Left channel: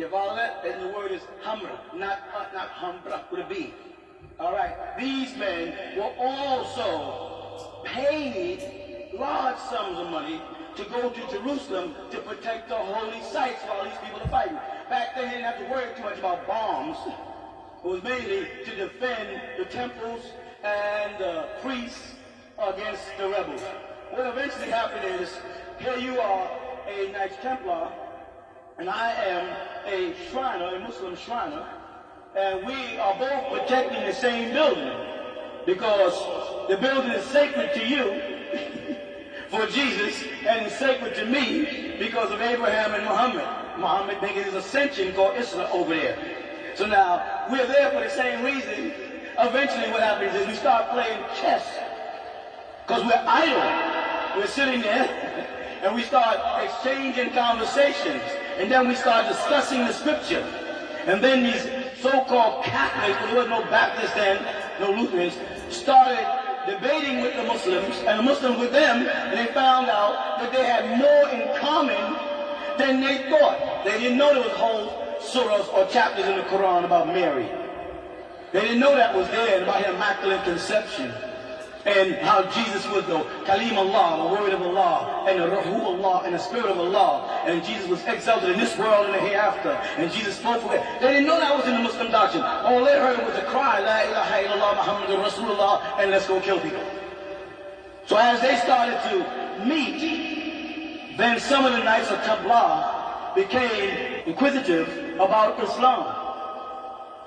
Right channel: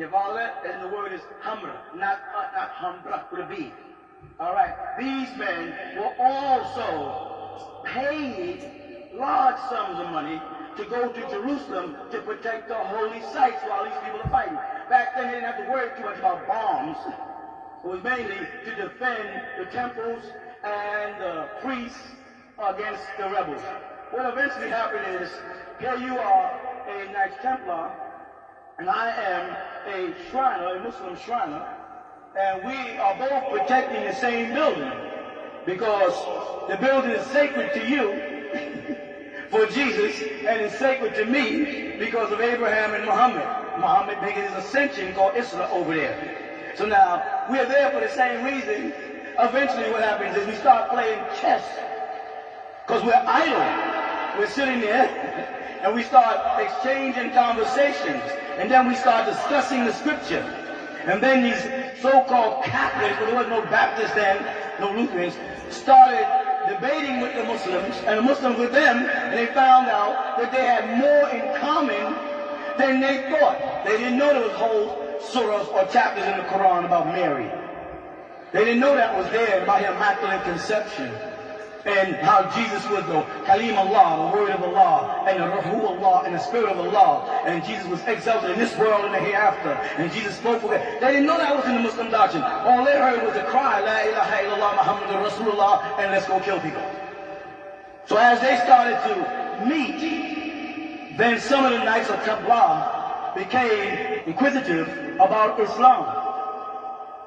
You follow that? And the word is hamra, not hamra with a B. All right. These men were also paid large sums of money to go to Jerusalem to protect the holy sites while these people are fighting. Back then, they didn't have to worry too much about bombs. It was mainly to defend the temples and the priests against the rebels. What eventually happened is, here you are, a Knights Templar, and I am a Shriner, a Muslim Shriner, and we are both protecting the same building because the building is sacred to you for Jesus, and it's sacred to me because of Abraham and Muhammad. Muhammad making his ascension called Isra over there. So now, we're there for the same reason. Eventually what happens is we start playing chess because we're idle. We're sitting there and we start exchanging conversations, and then we start discussing the scripture. And then these so-called Catholics, because there was no Baptists then, no Lutherans, started debating with the Muslims, and the Muslims with them, and they found out that they had more in common than they thought. They didn't know there was whole surahs or chapters in the Quran about Mary. They didn't know that was there, about her immaculate conception, and how Jesus was the Kalim Allah, the word of Allah, and the Ruhu Allah, and the spirit of Allah, and Jesus was exalted in this world and the hereafter, and Jesus spoke for it. They didn't know that was in the Muslim doctrine. All they heard was the cry, La ilaha illallah Muhammadur Rasulullah, and let's go kill people. So as they started to meet, then some of the Knights of Templar became inquisitive about Islam,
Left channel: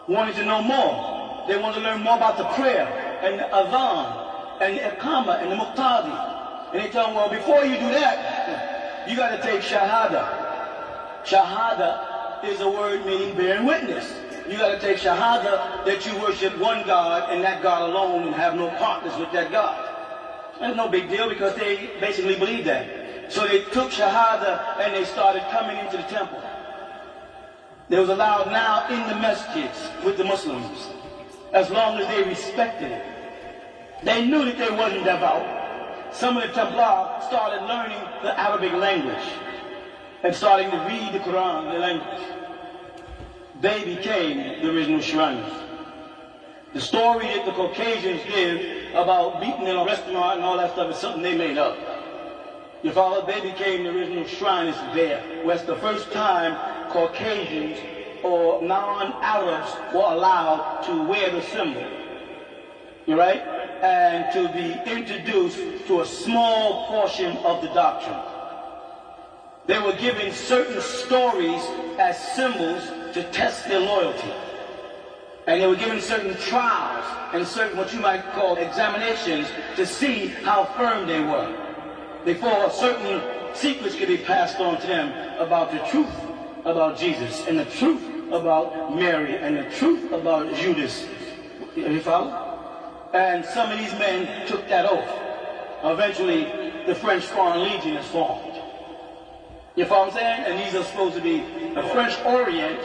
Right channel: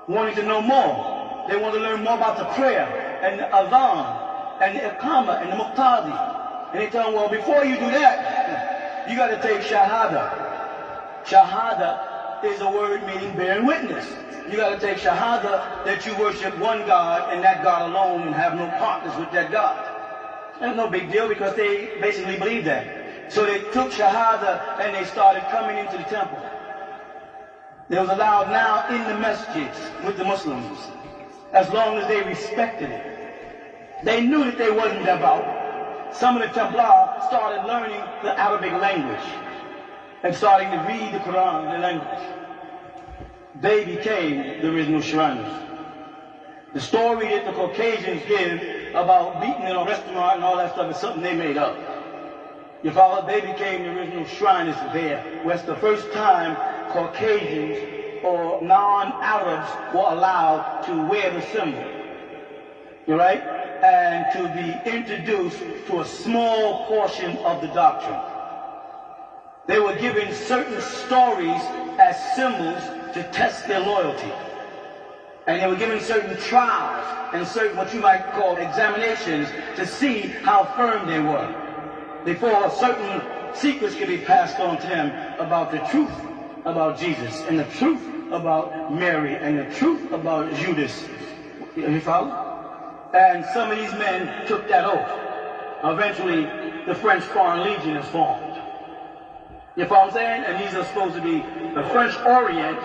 wanting to know more. They wanted to learn more about the prayer and the adhan and the iqamah and the muqtadi. And they tell them, well, before you do that, you got to take Shahada. Shahada is a word meaning bearing witness. You got to take Shahada that you worship one God and that God alone and have no partners with that God. That's no big deal because they basically believe that. So they took Shahada and they started coming into the temple. They was allowed now in the masjids with the Muslims as long as they respected it. They knew that they wasn't devout. Some of the Templar started learning the Arabic language and starting to read the Quran in the language. They became the original Shriners. The story that the Caucasians give about beating in a restaurant and all that stuff is something they made up. You follow? They became the original Shriners there. Where it's the first time Caucasians or non-Arabs were allowed to wear the symbol. You right? And to be introduced to a small portion of the doctrine. They were given certain stories as symbols to test their loyalty. And they were given certain trials and certain what you might call examinations to see how firm they were. Before certain secrets could be passed on to them about the truth about Jesus and the truth about Mary and the truth about Judas. You follow? And some of these men took that oath. Eventually, the French Foreign Legion is formed. You follow what I'm saying? And these are supposed to be the French Orient